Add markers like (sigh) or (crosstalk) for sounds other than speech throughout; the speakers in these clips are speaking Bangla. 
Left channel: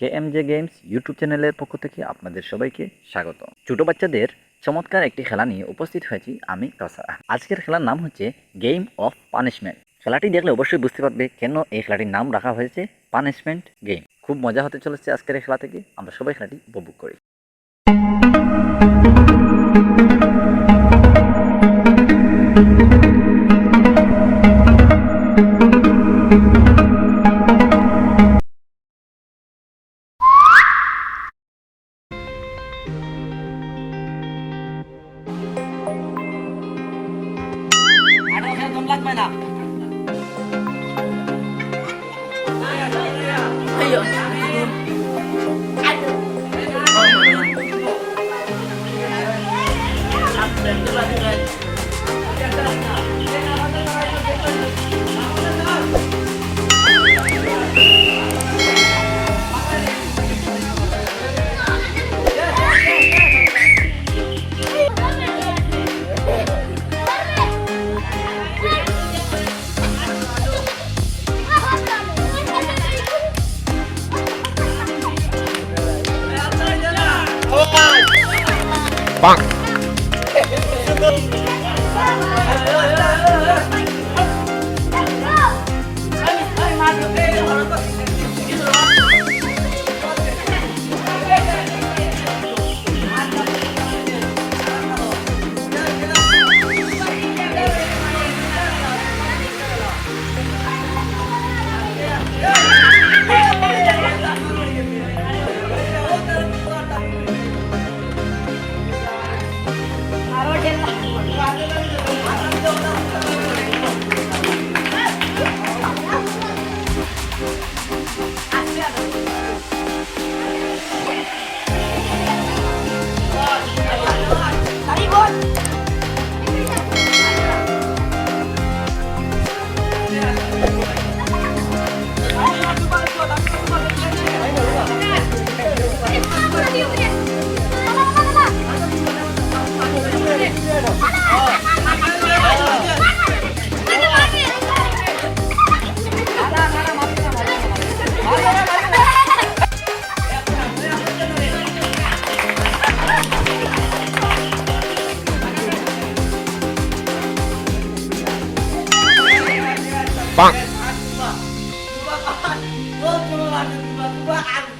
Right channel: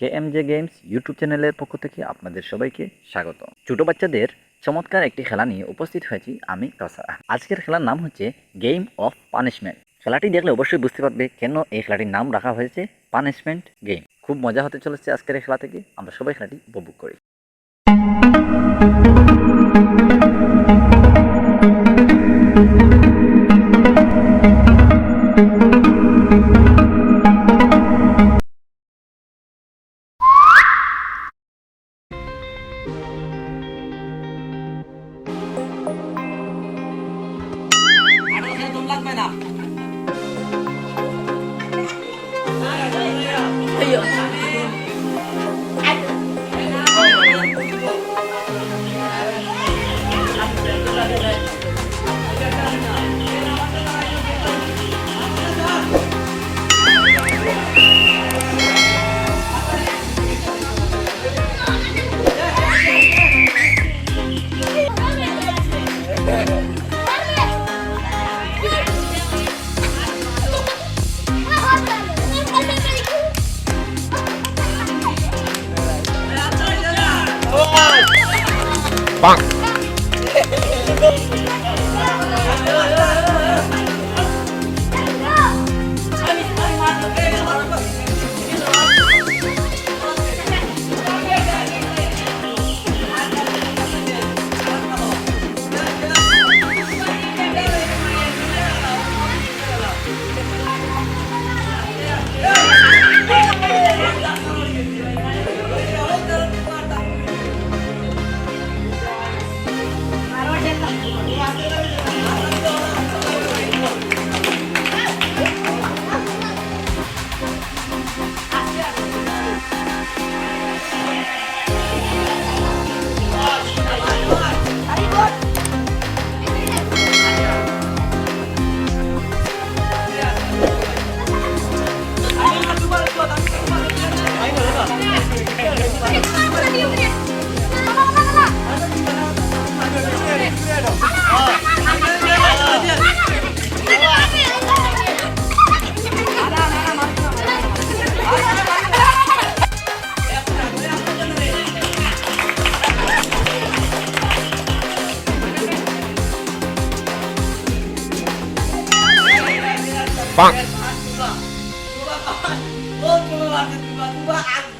K M J games YouTube চ্যানেলের পক্ষ থেকে আপনাদের সবাইকে স্বাগত ছোট বাচ্চাদের চমৎকার একটি খেলা নিয়ে উপস্থিত হয়েছি আমি কাসার। আজকের খেলার নাম হচ্ছে গেম অফ পানিশমেন্ট খেলাটি দেখলে অবশ্যই বুঝতে পারবে কেন এই খেলাটির নাম রাখা হয়েছে পানিশমেন্ট গেম খুব মজা হতে চলেছে আজকের এই খেলা থেকে। আমরা সবাই খেলাটি উপভোগ করি। 哎呀，哎呀，哎呦！棒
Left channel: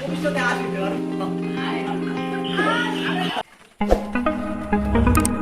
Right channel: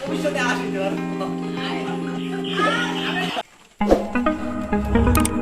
ভবিষ্যতে আসি (laughs)